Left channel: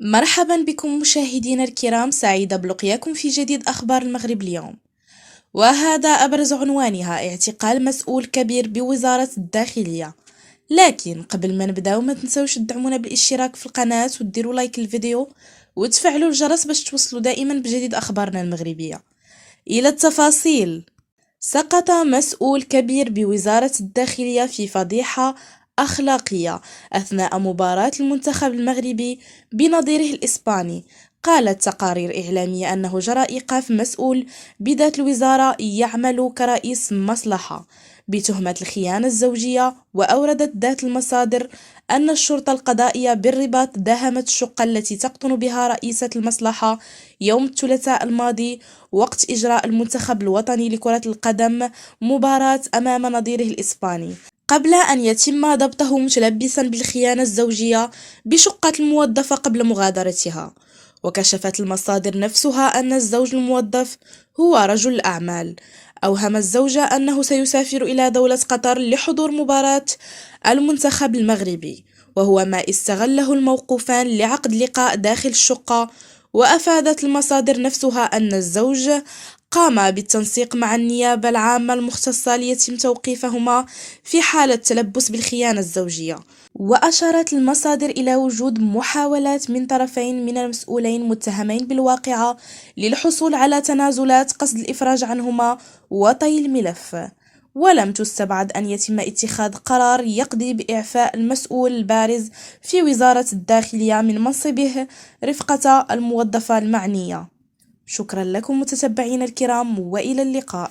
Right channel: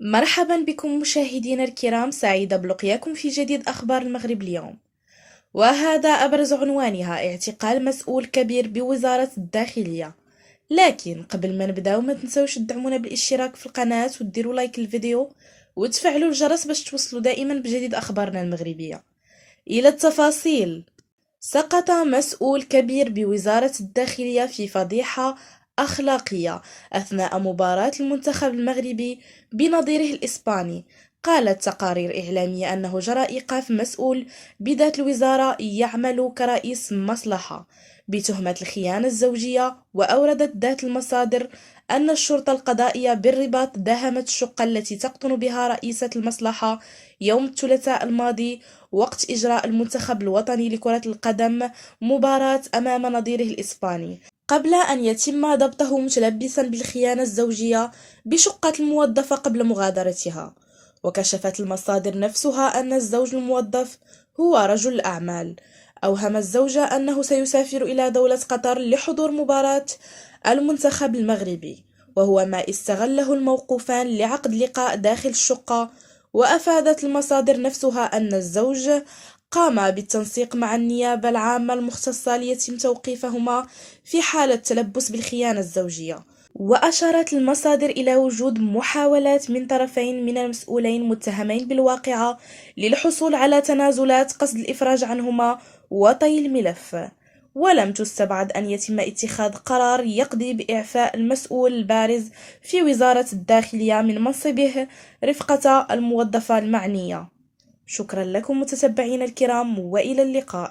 مرحبا بكم مشاهدينا الكرام، سعيدة بلقياكم في جديد أخبار المغرب اليوم. وهذا أبرز عنوانها: اعتقال مسؤول كبير بوزارة الداخلية. لكن قبل ما نبداو ما تنسوش تدعمونا بالاشتراك في القناة وتديروا لايك للفيديو وتفعلوا الجرس باش توصلوا دائما بجديد أخبارنا المغربية. إلى التفاصيل. سقط مسؤول كبير بوزارة الداخلية في فضيحة أخلاقية أثناء مباراة المنتخب المغربي بنظيره الإسباني. قالت تقارير إعلامية أنه جرى إيقاف مسؤول بذات الوزارة يعمل كرئيس مصلحة بتهمة الخيانة الزوجية، وأوردت ذات المصادر أن الشرطة القضائية بالرباط داهمت الشقة التي تقطن بها رئيسة المصلحة يوم الثلاثاء الماضي وقت إجراء المنتخب الوطني لكرة القدم مباراة أمام نظيره الإسباني، قبل أن يتم ضبطه متلبسا بالخيانة الزوجية بشقة الموظفة قبل مغادرتها. وكشفت المصادر نفسها أن الزوج الموظف هو رجل أعمال. أوهم الزوجة أنه سيسافر إلى دولة قطر لحضور مباراة المنتخب المغربي، وهو ما استغله الموقوفان لعقد لقاء داخل الشقة. وأفادت المصادر نفسها أن الزوج قام بالتنسيق مع النيابة العامة المختصة ليتم توقيفهما في حالة تلبس بالخيانة الزوجية. وأشارت المصادر إلى وجود محاولات من طرفين من المسؤولين متهمين بالواقعة للحصول على تنازلات قصد الإفراج عنهما وطي الملف. ولم تستبعد أن يتم اتخاذ قرار يقضي بإعفاء المسؤول البارز في وزارة الداخلية من منصبه رفقة الموظفة المعنية. شكرا لكم متتبعين الكرام، وإلى اللقاء.